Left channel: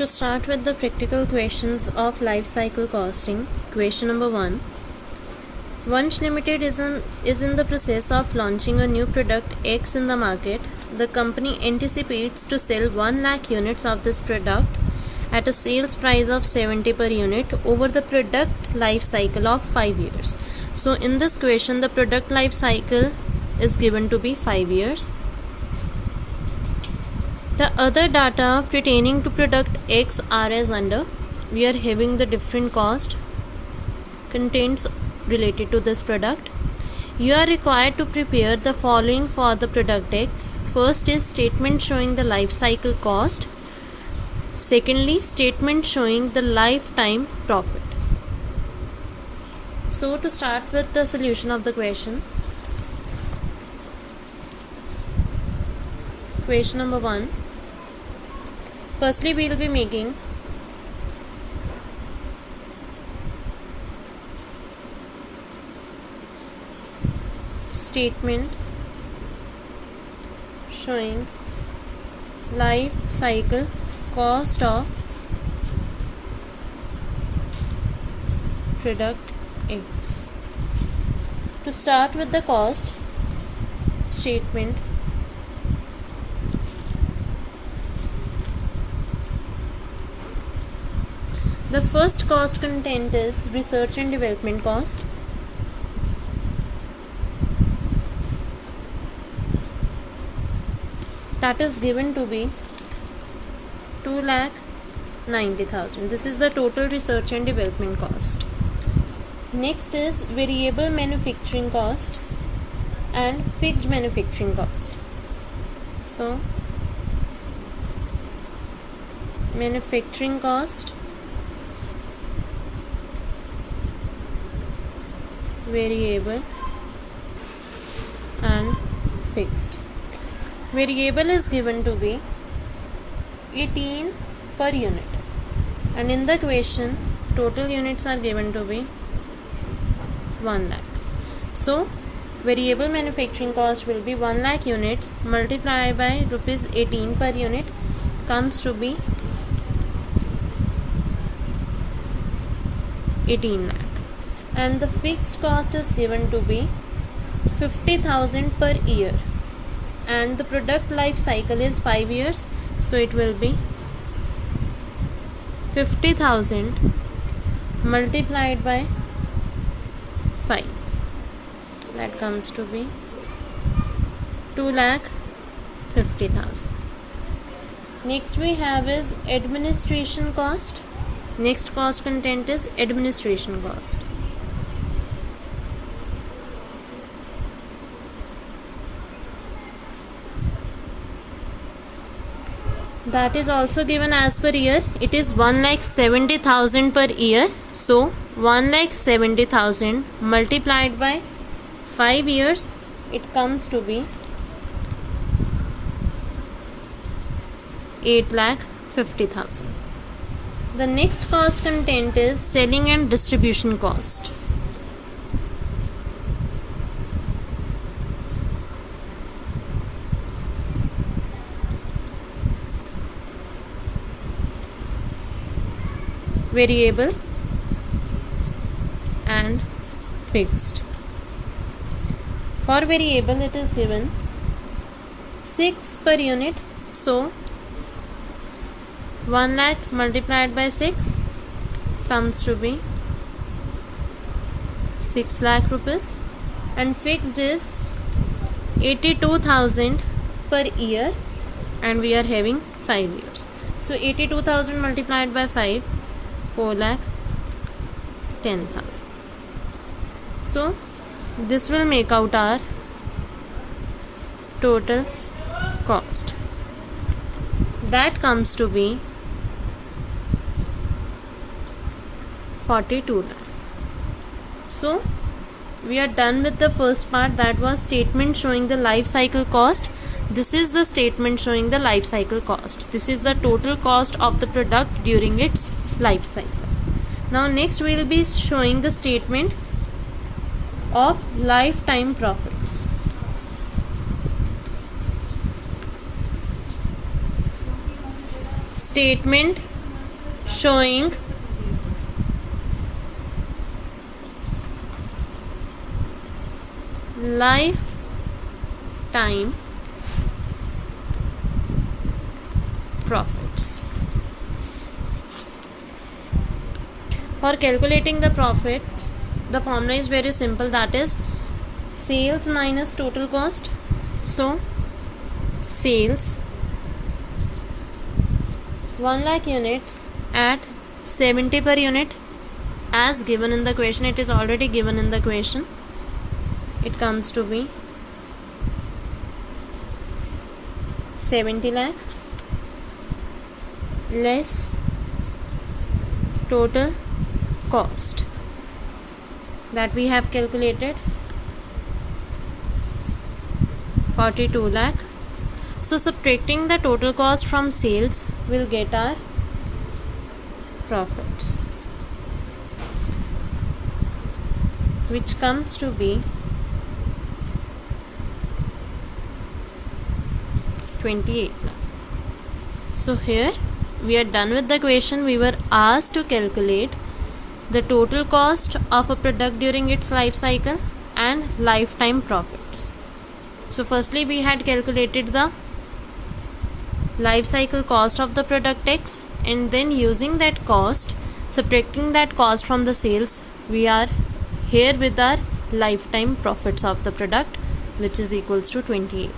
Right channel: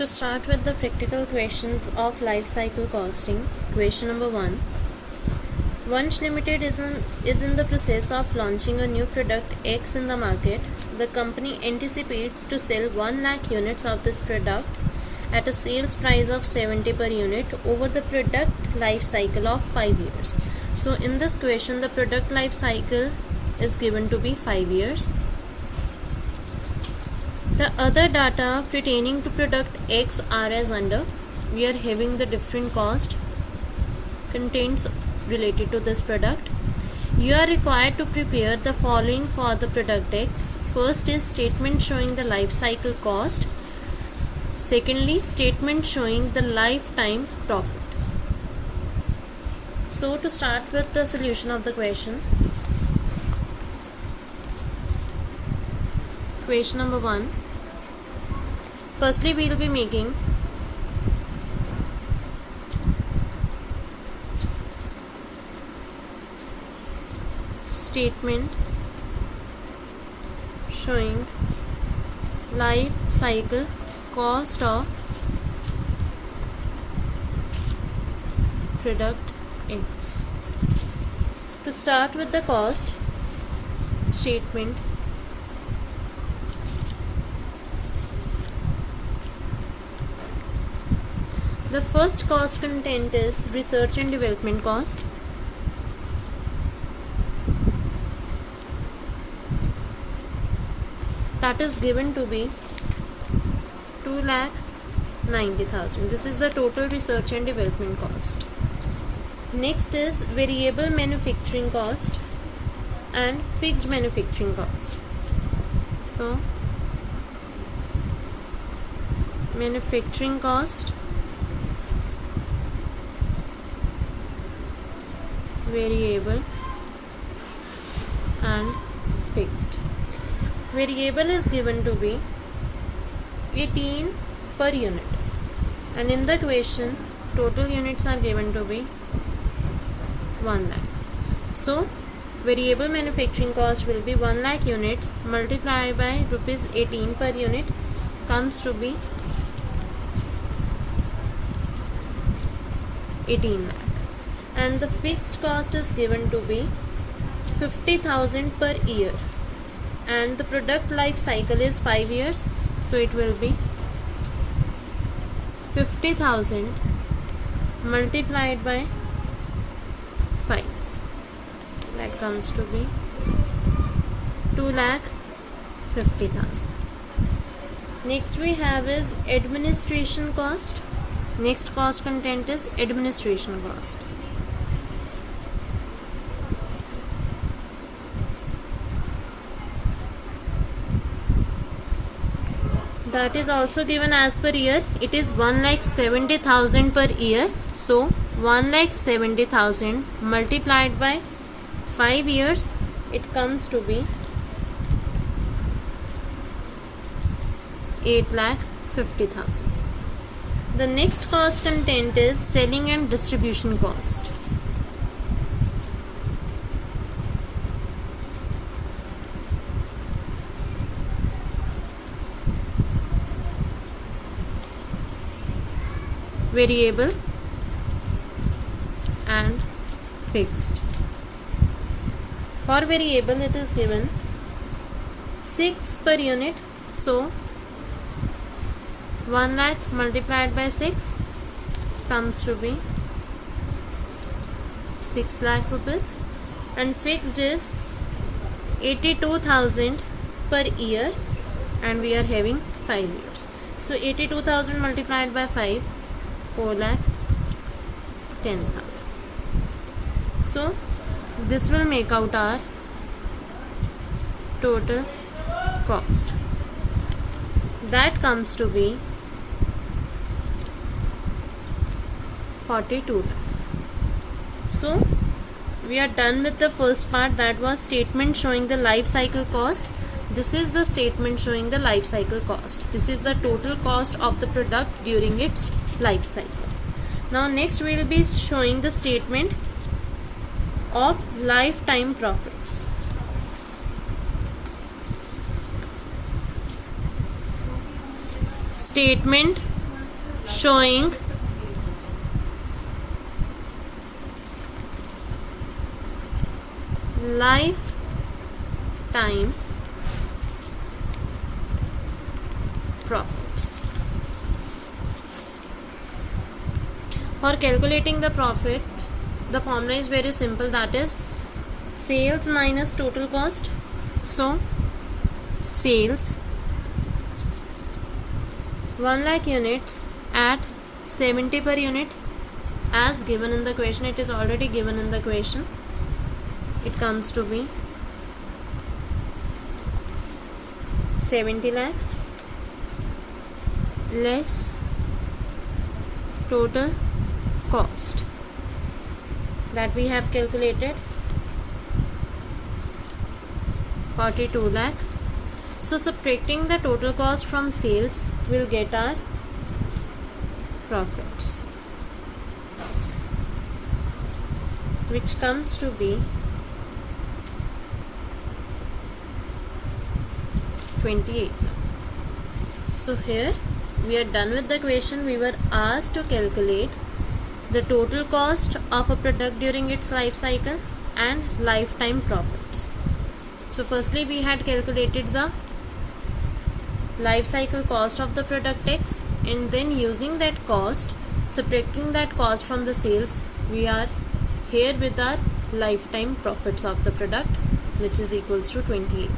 To start with the practical questions of life cycle costing, question number 1. Vansh Limited is in the process of launching a new product X in the market. The company anticipates to sell 1 lakh units of this product at a sales price of 70 per unit over the product life cycle of 5 years. So in this question, the product life cycle is given to be 5 years. The other data pertaining to product X are as under. We are having the different cost contains related to this product. You are required to prepare the following for the product X. First is statement showing the life cycle cost. Secondly, statement showing the lifetime profit. So to start with the solution of the question. Question number 1. Firstly, we will be making statement showing life cycle cost of product X. To start with the cost statement, the first cost content is research and development cost. That is given to be 2,90,000. This is the total research and development cost. Next is variable manufacturing cost and fixed manufacturing cost. So manufacturing cost, variable and fixed. Variable is given to be 18 per unit, and in the question total units are given to be 1 lakh. So variable manufacturing cost will be 1 lakh units multiplied by rupees 18 per unit comes to be 18 lakh. And the fixed cost is given to be 50,000 per year, and the product life cycle is 5 years, so it will be 50,000 multiplied by 5, that comes to be 2,50,000. Next we have is administration cost. Next cost content is administration cost. That is also given as per year. It is 1,70,000 per year. So 1,70,000 multiplied by 5 years, it comes to be 8,50,000. The next cost content is selling and distribution cost. Variable and fixed. For variable it is given 6 per unit, so 1 lakh multiplied by 6 comes to be 6 lakh rupees, and fixed is 82,000 per year, and we are having 5 years. So 82,000 multiplied by 5, 4,10,000. So this will make out our total cost. That comes to be 42 lakh. So we are done with the first part, that was statement showing the life cycle cost. This is the statement showing the life cycle cost. This is the total cost of the product during its life cycle. Now next we will be showing the statement of lifetime profits. Statement showing lifetime profits. For calculating the profits, the formula is very simple, that is sales minus total cost. So sales 1 lakh units at 70 per unit as given in the question. It is already given in the question. It comes to be 70 lakh less total cost that we have calculated 42 lakh. So subtracting the total cost from sales will get our profits, which comes to be 28. So here we are done with the question. We were asked to calculate the total cost of a product during its life cycle and lifetime profits. So firstly we had calculated the life cycle cost of the product X, and then using that cost, subtracting that cost from the sales, we are here with our lifetime profits of the product, which is equals to 28.